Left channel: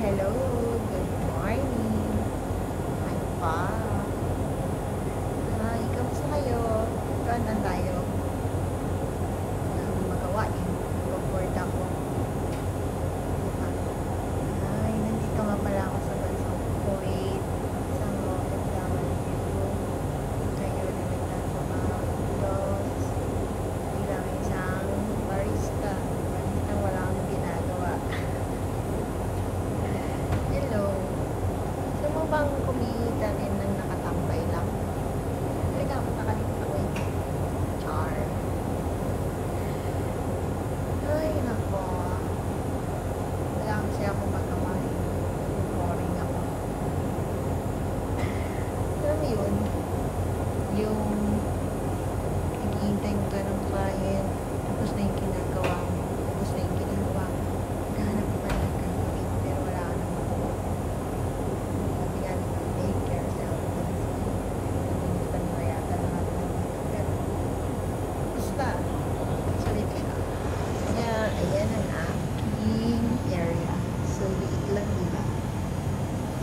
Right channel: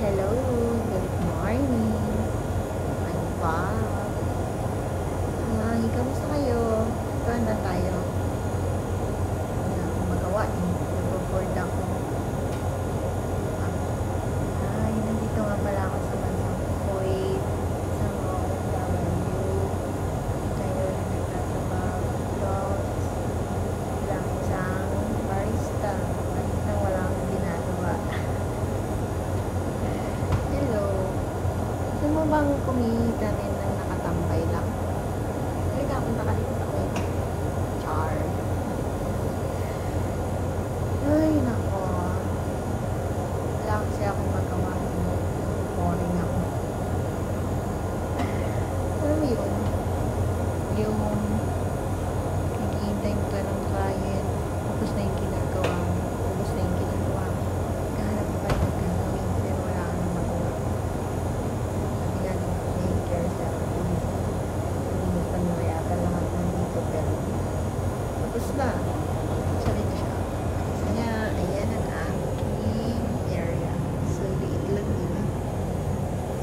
Hello, good morning. I'm back. Hi, kamusta kayo? Tuwan lang tayo. Wala akong magawa eh. Nag-board ako. Ay, nandito nga pala ako sa bansang Kuwait. Isang OFW. Ngayon na nagtatrabaho dito bilang isang barista. Barista walang ginagawa. Hello. Gusto mo bang kumita rin ng nakatambay lang? Ay, napunta ka dito sa Kuwait. Char. Ay, nako. Wala kasi akong magawa. Boring ako. Alam mo yun? Yung naghihintay mo ka ng client, tapos na yung ginagawa mo, ubos na yung ginagawa mo. Naghahanap ka pa rin ng gagawin, pero wala ka nang magawa. Sabi nga, di ba, take yourself. Panwayagan lahat nandito, pero tapos na. Sorry kaya. Kaya, ayan ang aking area. So, liit lang yun.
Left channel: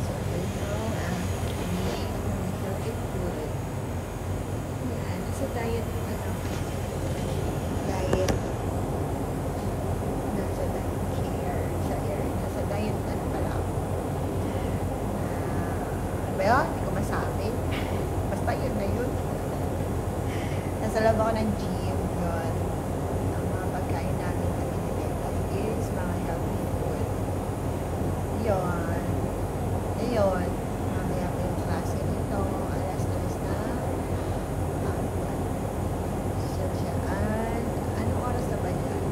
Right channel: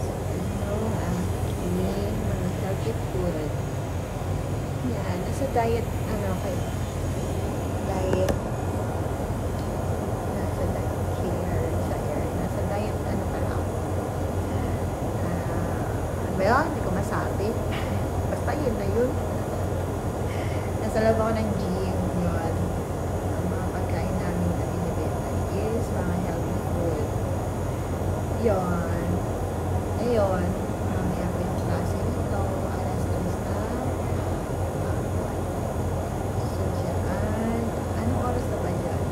So, ito ang aking nagkakikulit. Yan. Sa diet, ano ako? Diet. Nasa diet care. Nasa diet, ano pala ako? Ano ba yun? Hindi ko masabi. Basta yun na yun. Nasa loob ako ng gym yun. Ang mga pagkain namin na binibenta is mga healthy food. Yun. Ayun. Mamaya po yung klase nito. Alas-alas na hapon. So, dyan. Anong oras na ba dyan?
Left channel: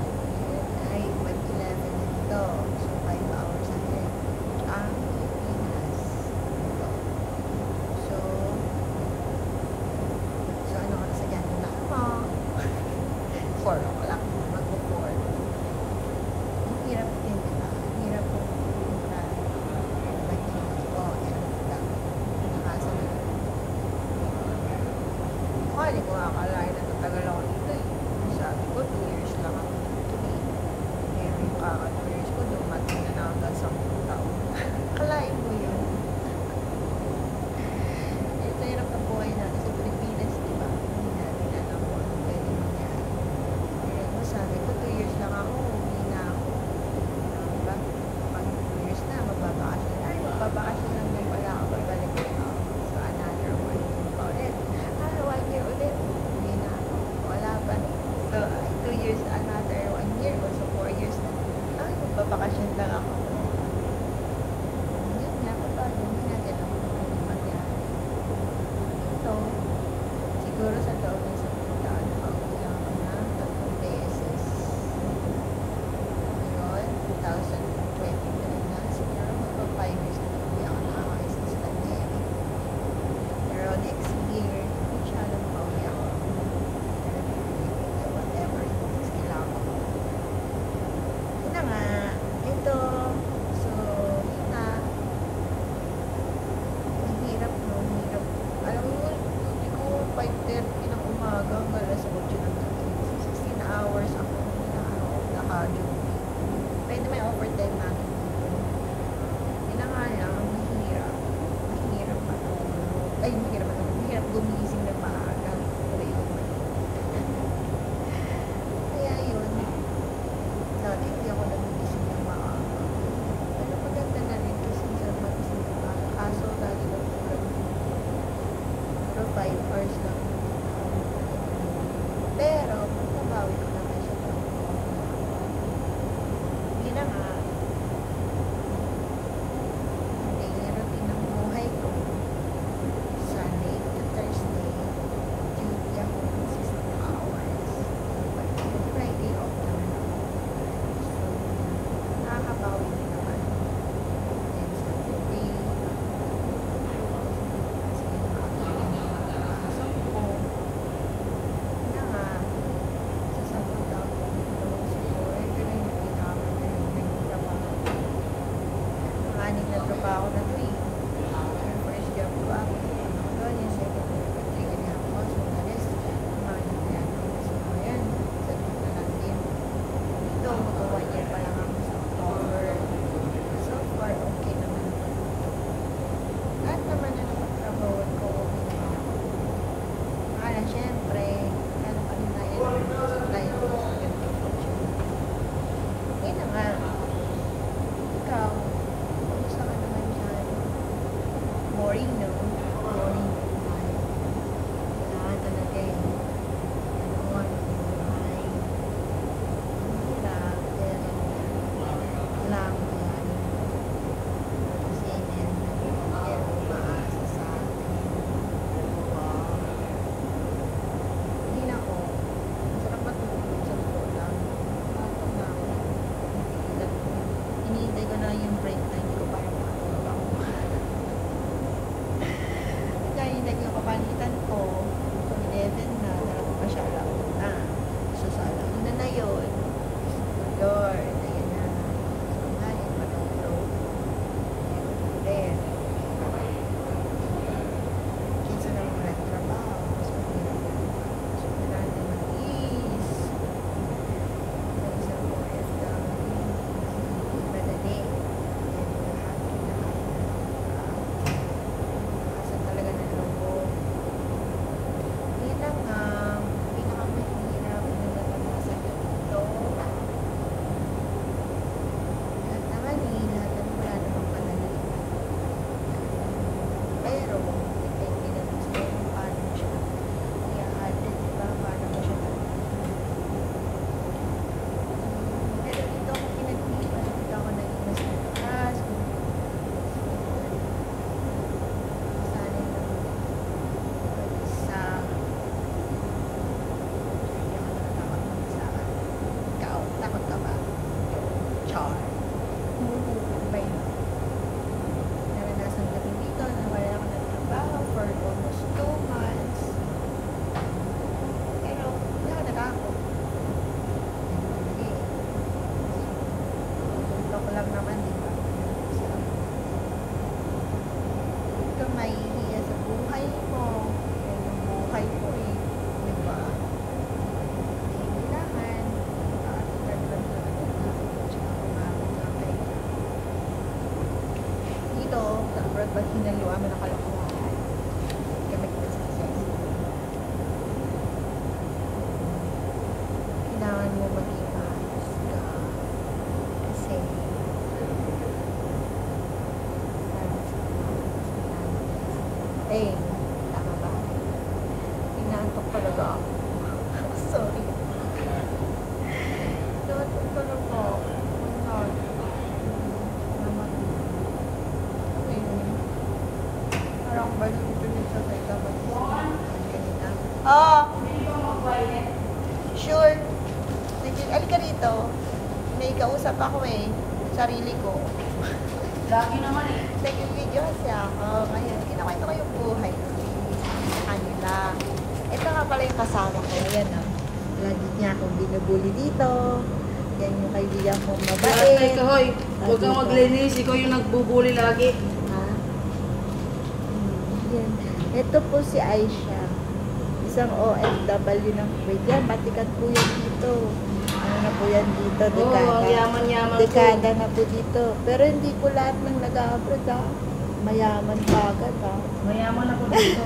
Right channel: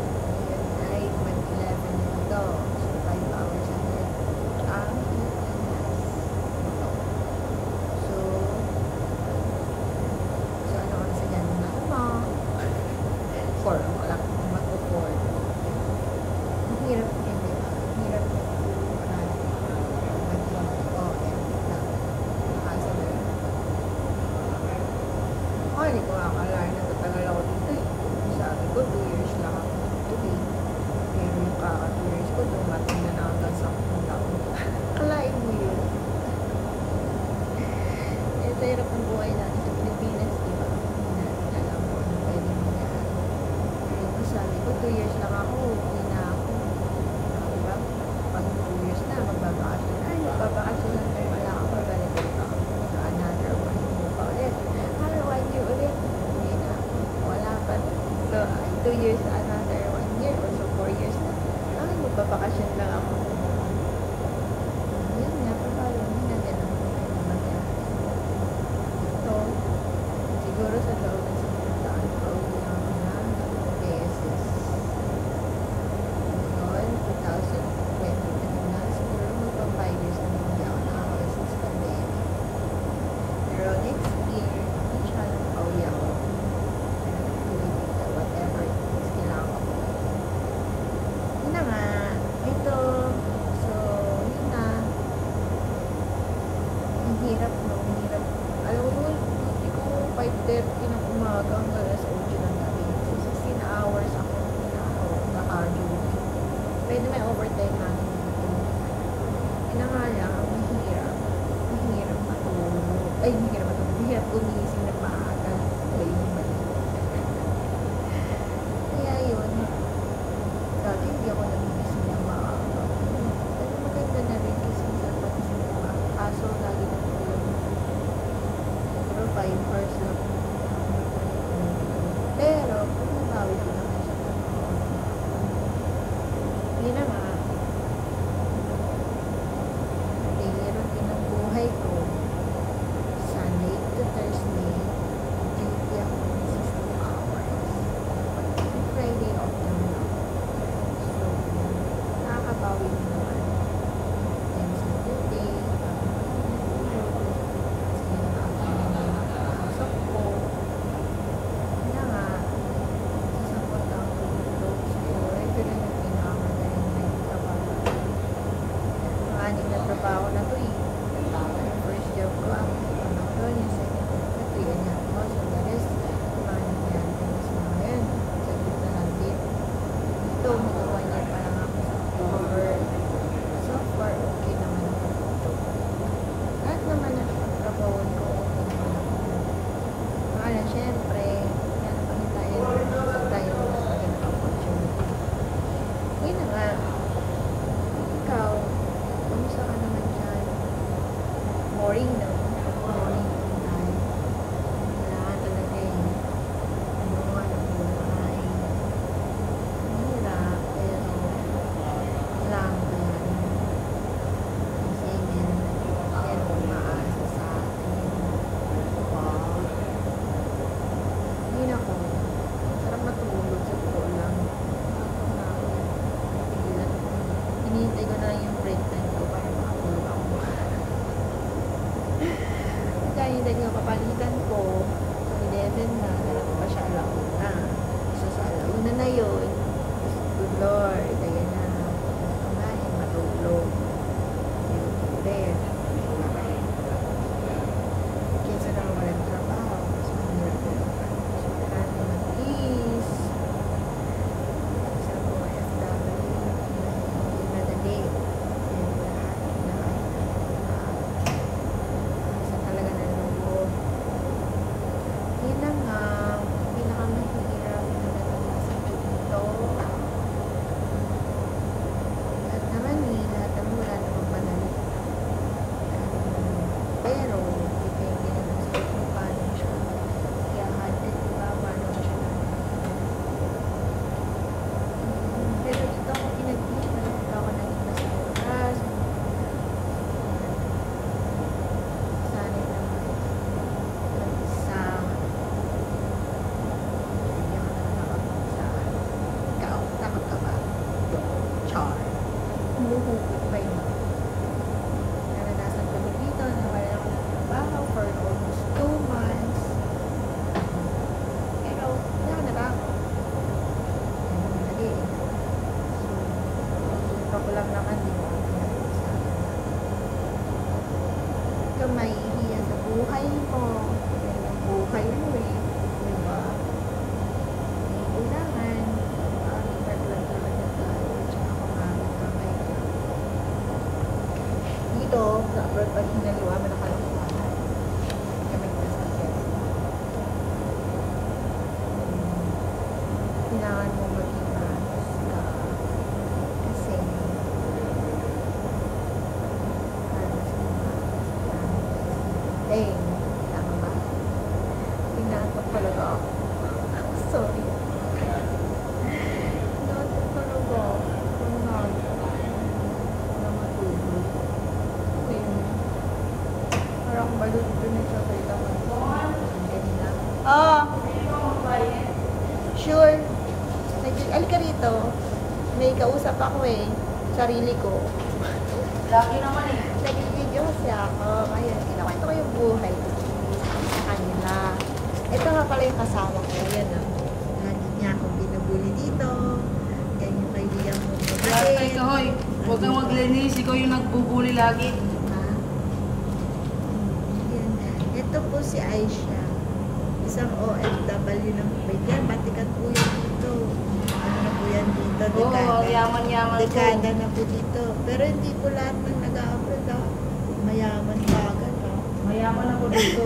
Yan ay 1:11 na dito. So, 5 hours ahead. Ang Pilipinas. Ito. So, anong oras na dyan? Wala mo. 4 o'clock. Magpo-4. Ang hirap din, diba? Ang hirap yung nakasa na lang. Hindi ko akalain na tatagal ako dito eh. Sabi ko, 2 years lang ako dito eh. Pero yung kaka 2 years ko, dumating na hanggang 10 taon. Kalain mo yun. Sa hirap ng buhay natin sa Pilipinas, diba? Hindi natin alam kung ano pwede mangyari. Pero sabi ko, 2 years lang ako, hindi na ako. Diba? Pag 2 years na, magbabakasyon. Ay, magbabakasyon lang din pala ako, babalik ito. So, another 1 year pa ulit. 1 year ulit, hindi na ako. Wala pa. So, 2 years, another 1 year, or so 4 years na. Ay, magbabakasyon lang ako. Yun nga, pabalo. Hindi na ganun ako pwede mangyari. So, siguro sa loob ng 10 taon, nakauwi lang ako ng 3 beses. Ngayon, 2023 na, siguro magpa 5 years na hindi ako nakakawin since pandemic. Pero next year, inshallah makauwi ako. Whatever it is, kailangan ko po. Yun na nga, ito, so, yun na. Ang hirap, no? Ang hirap. Alam mo yun, ko 5:30 ng umaga hanggang alas 8 ng gabi. So, 16 hours ako naka-duty. Pwede may overtime natin dito. Yun na nga lang, ang mahirap. Mahirap matulog. Ay, mahirap matulog. Mahirap gumising ng maaga. Wala yung mali. Kaya yun. Dati hindi ako nagigising ng maaga. Pero maganda na rin kasi minsan pagising ng maaga. Kaso, lagi ng tulad. Siguro 5 hours lang. Pero, kung nabawi ko naman siya pag mag-on na ako. Hindi na nga. Ang daily routine ng buhay ko, Sunday to Thursday, duty ako ng 16 hours. But Friday off naman ako. So, nakakabawi din naman. And Saturday, anim na trabaho na to eh. Yung first job ko, ano ko doon, yung second job ko, 3 and a half months, and the rest, yung mga naglayan ko na sa mga yan, sa gitna lang din. Ito, mag-1 year pa lang ako sa October. So far, okay. boring, no? Boring yung life. Wala talaga eh. Ano buhay. Hirap, pero lang kaya yun. Kasi meron umaasa sa atin. Wow. Hindi na ako. Sarap matulog sa totoo lang. Nakakam na ako yun. Napigilan ko. Hinihintay ko na lang yung break time ko para makatulog ako. Kaya hinihintay ko yung kapalitan ko. Pang 11 na. Narating pa siya alauna. So sa alauna na yun. Good Lord. Ayun na. Kumain, matulog. Yun. Then, kesa naman walang trabaho. Mas mahirap yun. So, kailangan na mag-is. Isang OFW na hindi madali. And lahat kinakain na nakasan talaga ng loob. Yun lang nga, pinakamahirap na naranasan ko dito. Lahat naman lahat naman wala namang panali. Pero, depende naman sa'yo kung paano mo siya i-handle, diba? Paano mo siya dadalhin. Pero dito ako pinag-iwan. Dito ako naging mas malakas. Sanay naman mag-isa. Hindi ako nakatakot mag-isa. Ikaw, takot ka ba? Yo, char. Humuhupit pa yun. Naranasan kami dito, nawala ako ng trabaho for almost 2 months. Pero, hindi ako natakot. Hindi lagi. Dito ko lang naman, di ba? Pinag-isapan na. Ba't ka mahihiya sa buhay mo? Yan yung buhay mo eh. Di ba? Kailangan. Makatagad lang talaga tayo. Tsaka kumapit ng kaya. Dito, sa abroad, pag hinaluan mo na kalokohan, hindi ka maging successful. Kailangan mo maging maayos ka. Kasi, para mas maayos ka namin guys. Tama ba? Pinaantok talaga ako. Sorry. Pinaantok talaga ako. Wala matulog. Parang balo dito nagsasalita kanina. Oh! Sure. Alika rito. May kausap ako eh. Sarili ko. Lagi naman eh. Nag-video kasi ako. Ngayon, kinakwento ko yung buhay ko sa kanila. Ito nga pala yung kasama ko. Ayan o. Lagi niya akong binubuli dito. Yan yung kaibigan kong Ay, mabait. Kahoy, huwag kang maglinis. Ikaw yung nagbubuli lagi. Yan. Ito po si Aisha. Isang OFW ng Kuwait. Yan, matikat po yan dito. Ano na po yan dito? Oo, Dekada. yaman-yaman po. Dekada na po dito. Pero hindi po lahat ng nag-a-upload ha. Mayaman pa agad ha. Mayaman ako dito.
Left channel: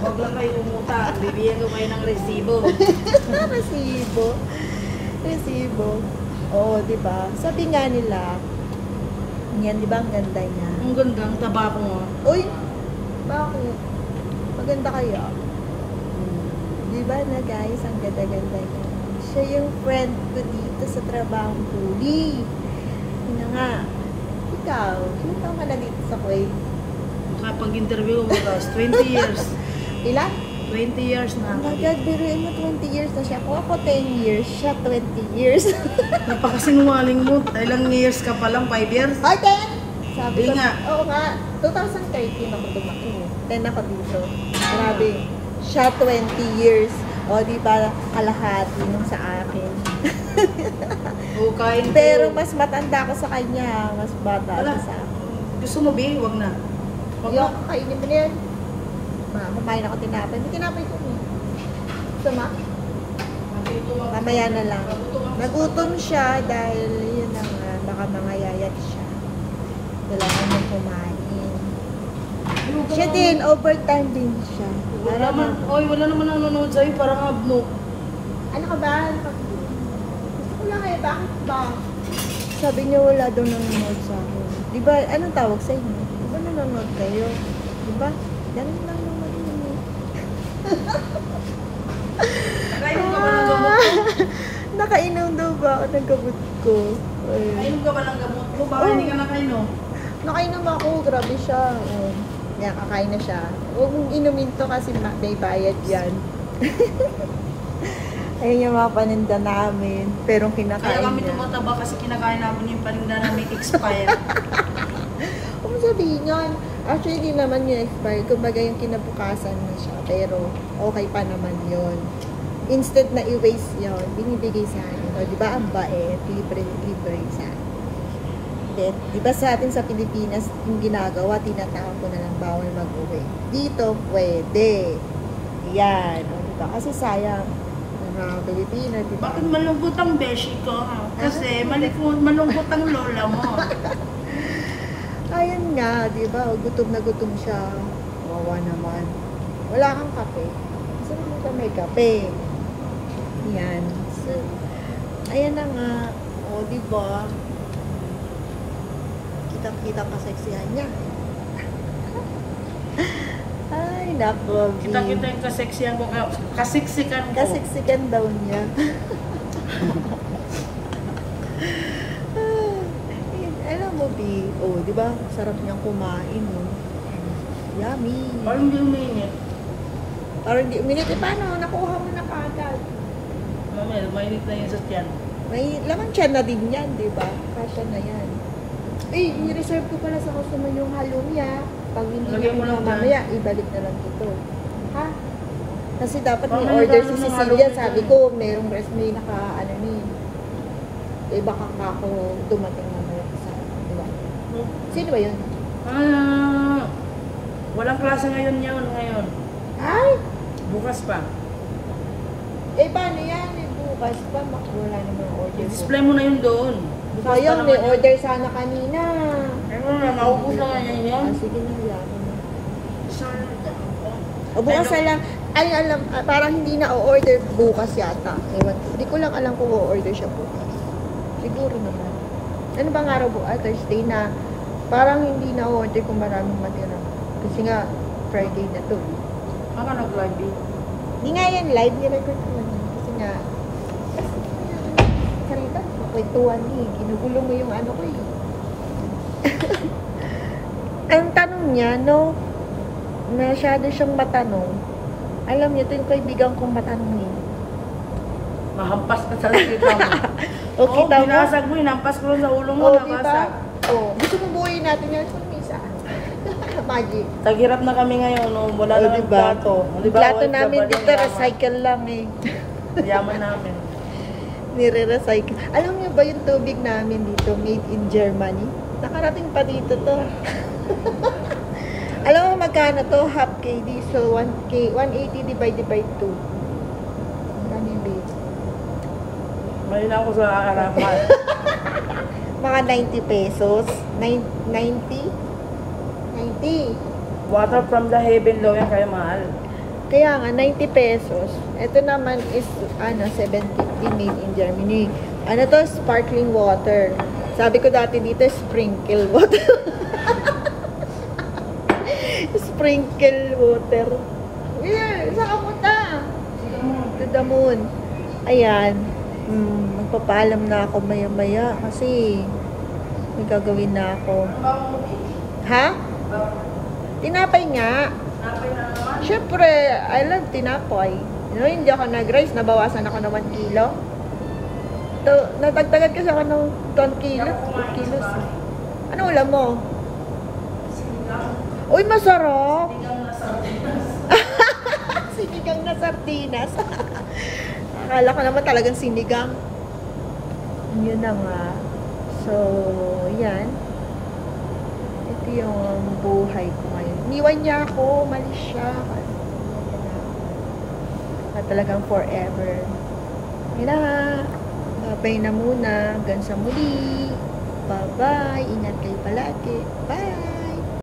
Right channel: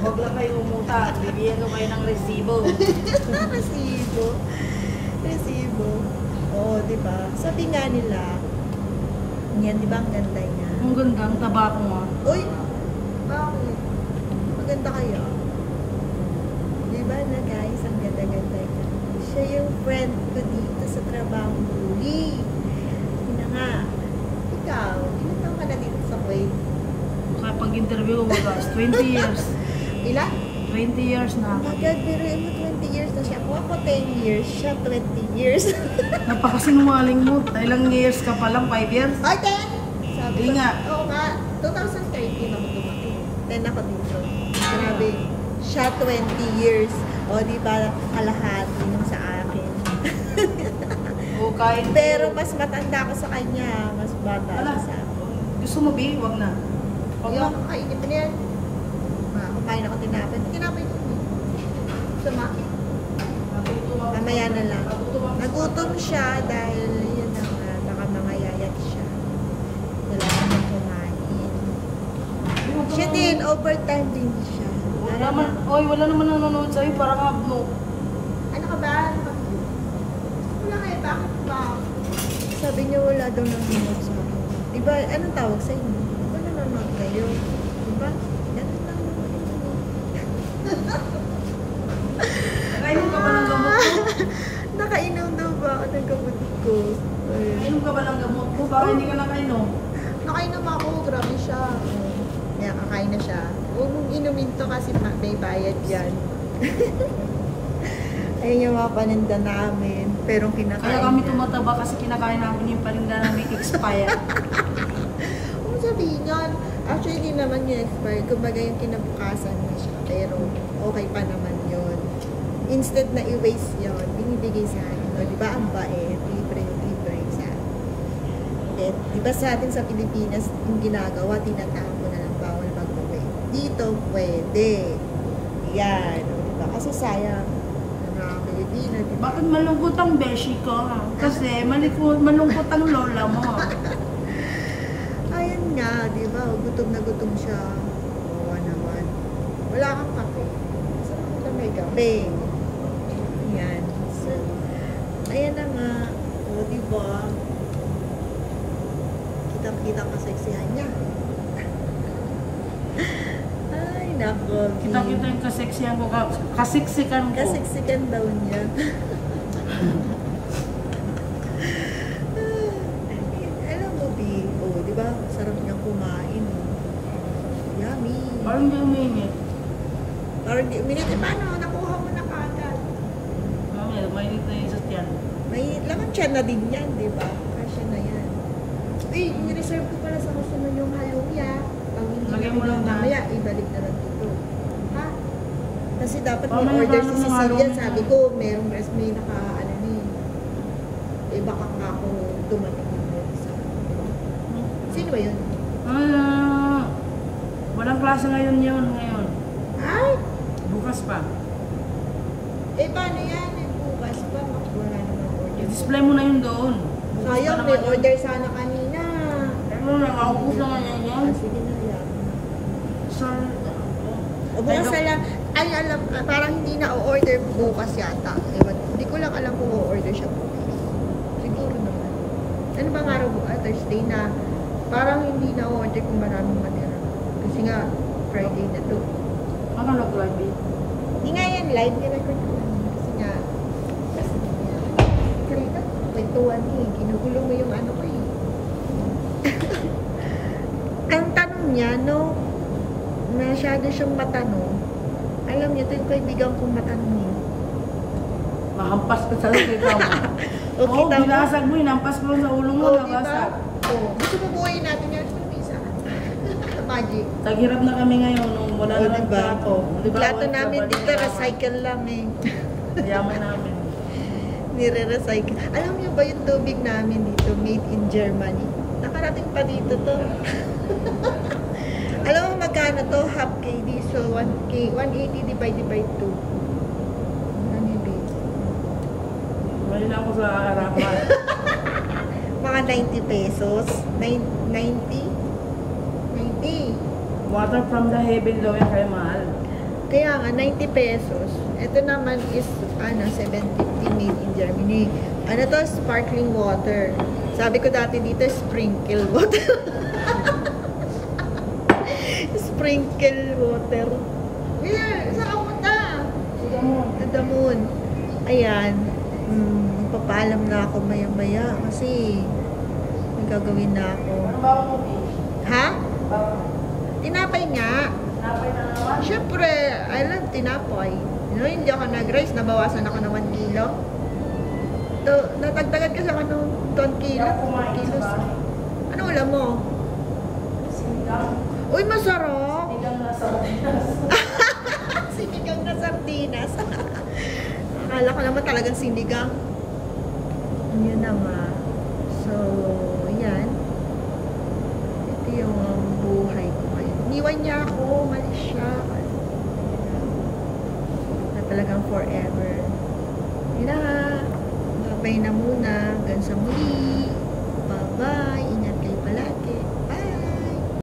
Huwag lang kayo umutang. Bibigyan ko kayo ng resibo. Resibo. Resibo. Oo, diba? Sabi nga nila, yan, diba ang ganda niya? Ang ganda, ang taba ko mo. Uy! Bakit? Maganda kaya? Diba na guys, ang ganda-ganda niya. Siya yung friend ko dito sa trabaho huli. Yun na nga. Ikaw, ilan taon ka na dito sa Kuwait? Kapag-interview mo guys, 20 years. Ilan? 20 years na. Oh my God, biruin mo 20 years na siya. Kung ako 10 years, siya 20 years. Napakasinungaling mo. Ilang years ka pa lang, 5 years? Ay, 10! Sabi ko, Yun nga. oo nga, 2013 ako tumaki. 10 ako dito. Grabe. Siya 20 years. O, di ba, kalahati nung sa akin. Oo, kain ko. Pero mas matanda ako sa kanya. Mas bata Wala. siya sa akin. Gusto mo, Bing? Huwag na. Huwag na. Yung kainin mo na yan. Kumain ako tinapay. Hindi tinapay ko eh. Suma? Mamaya na lang. Nagutom siya dahil yun na nga, baka mangayayat siya. Wala naman kumain. Siya din, overtime din siya. Wala naman, oy, wala naman nanonood sa'yo, parang abno. Ano ka ba? Wala kayo, bakit ba? Sabi niya wala daw nanonood sa akin. Diba, anong tawag sa inyo? Diba nanonood kayo? Diba? Dali lang naman yun. Nakainom ka ba ng gamot mo? Nakainom daw ba ako ng gamot ko? Ayun. Nakainom ka ba ng gamot mo? Baka hindi ka nakainom. Nakainom ako, grabe siya. Yan, kakain na siya. Huwag mong inumin to kasi may bayad yan. Ayun yung mga paninda namin. Pero kinakain Kaya kami niya. tumataba kasi kinakain namin yung paninda na hindi expire. Ano sabihin yun? Actually, di naman yung expire. Kumbaga yung kinabukasan na siya. Pero okay pa naman yun. Instead na i-waste yun, binibigay sa akin. O, di ba ang bait? Libre sa akin. Di ba sa atin sa Pilipinas, yung ginagawa, tinatawag ko na lang bawal mag-uwi. Dito, pwede. Yan. Diba? Kasi sayang. Ng mga Pilipinas, diba? Bakit malungkot ang beshi ko? Kasi malungkot ang lola mo. Ayun nga, di ba? Gutom na gutom siya. Wawa naman. Wala kang kape. Saan ka may kape? Yan. So, ayan na nga. O, di ba? Kitang-kita kaseksihan niya. Ay, nako. Kita-kita yung kaseksihan ko, kasiksikan ko. Kasiksikan daw niya. Alam mo, B, oh, di ba? Sarap niyang kumain, oh. Yummy. Parang hindi uminit. Parang di uminit. Eh, paano? Nakuha mo na kaagad. Mainit na yung isa yan. May laman siya na din yan, di ba? Kasya na yan. Eh, ni-reserve ko pala sa customer yung halumya. Pag hindi Lagyan niya mo lang kinuha dyan. mamaya, ibalik na lang dito. Ha? Kasi dapat may Mamaya order gano'n si ng Cecilia. halumya. Sabi ko, merong rest may naka, ano ni. Eh, baka ka ako dumating na may isa. Di ba? Sino ba yun? Walang klase ngayon ngayon. Ay! Bukas pa. Eh, paano yan? May bukas pa. Wala namang order. I-display mo na yun doon. Bukas pa Sayang, naman may yun. order sana kanina. Eh, wala. Maubos naman yan yan. Ah, sige na yan. O Ano? bukas na lang, ay alam, parang hindi na o-order bukas yata. Ewan, hindi ko lang alam kung o-order siya bukas. Siguro naman. Ano bang araw bukas? Thursday na. Parang hindi na o-order kung maraming matira. Kasi nga, Friday na to. Ano nag-live? Hindi nga yan, live ni-record ko lang. Kasi nga, karita, kwentuhan eh. Ginugulo mo yung ano ko eh. Ang tanong niya, no, masyado siyang matanong. Alam niyo, ito yung kaibigan kong matanong eh. Mahampas ka sa likita mo. Okay, tama. Binasag mo, hinampas ko lang sa ulo mo, Oo, diba? nabasag. Oo. Gusto mo buuin natin yan? Gusto mo isa? Magic. Taghirap na kami ngayon, no? Wala Oo, na ng diba? plato. Yung plato namin dito, recycle lang eh. Yaman namin. Nire-recycle. Alam niyo ba yung tubig namin dito, made in Germany? Nakarating pa dito to. Alam mo magkano to? Half KD. So, 1K, 180 divided by 2. Ano yung base? Mali na ako sa harapan. Mga 90 pesos. 90? 90. Water from the heaven daw yan kaya mahal. Kaya nga, 90 pesos. Ito naman is, 750 made in Germany. Ano to? Sparkling water. Sabi ko dati dito, sprinkle water. Sprinkle water. Yeah, saan ka punta? To the moon. Ayan. Magpapaalam na ako maya-maya kasi may gagawin na ako. Ha? Tinapay nga. Siyempre, I love tinapay. You know, hindi ako nag-rice, nabawasan ako ng 1 kilo. Natagdagan kasi ako ng 2 kilo, 2 kilos. Ano ulam mo? Uy, masarap! Sinigang na sardinas. Akala ko naman talagang sinigang. Yun na nga. So, yan. Ito yung buhay ko ngayon. Iniwan niya ako, umalis siya. Na talagang forever. Yun na nga. Babay na muna. Hanggang sa muli. Bye-bye. Ingat kayo palagi.